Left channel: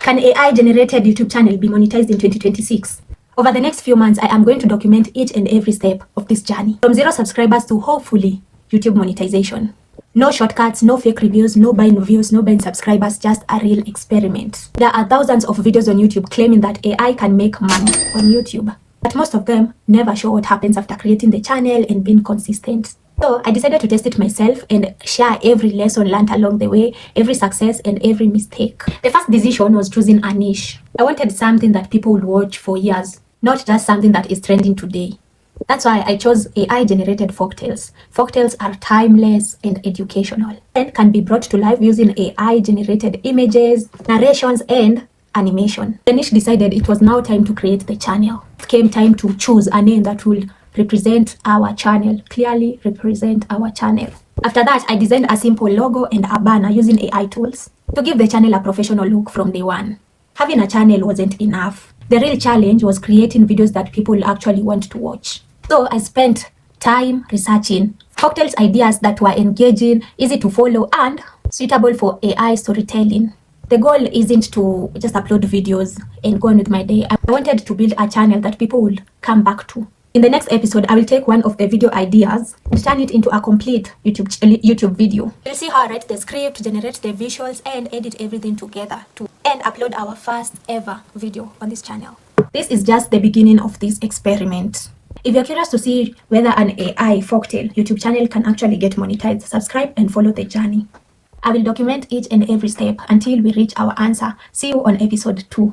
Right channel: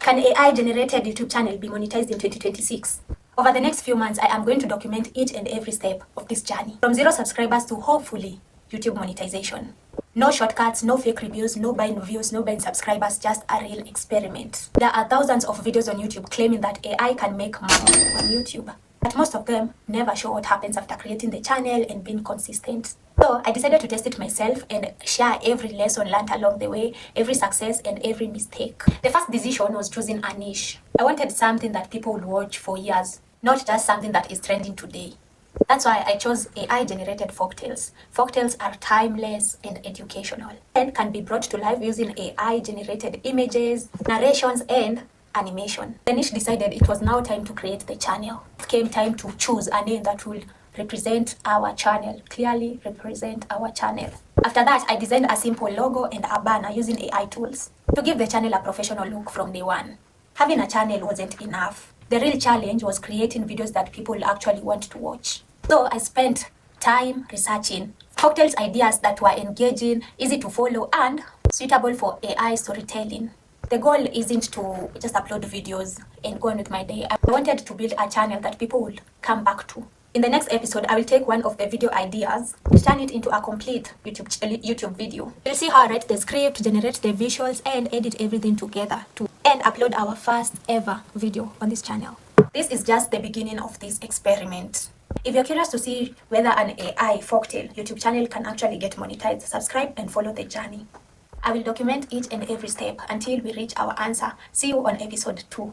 Can AI-generated YouTube channel be monetized in 2026? Over the next few months, I am going to document each and every step of this journey, from 0 subscribers to hopefully YouTube monetization. No shortcuts, no fake reviews, no buying views, no buying subscribers, just a real experiment. There are thousands of videos on YouTube claiming that AI can make money on YouTube, but most of them never show what happens after creating the channel and being consistent. So I decided to test it myself and share every lesson learned along the way, every success and every mistake. The first decision was choosing a niche. I wanted something that people would watch for years, not just something that is trending today. That's why I chose AI-generated folktales. Folktales are timeless and educational and can be brought to life using AI-generated images, narrations, and animation. The niche decided it was now time to create the channel. It came time to choose a name that will represent our channel, clearly represent our channel. After that, I designed a simple logo and a banner using AI tools to give the channel a professional look from day one. Having a channel wasn't enough. The real challenge was creating videos that people actually want to watch. So I spent time researching folktales ideas that were engaging, easy to follow, and suitable for AI storytelling. The goal isn't to just upload videos and go on with my day. I wanted to build a channel that people will come back to. In the next episode, I will take one of the video ideas and turn it into a complete YouTube video. You'll see how I write the script, generate the visuals, and edit everything together and upload our first ever video on this channel. This is just the beginning of this experiment. If you're curious to see whether an AI folktale YouTube channel can actually get monetized, subscribe and follow the journey. I will document each and every step until we reach our answer. See you on episode 2.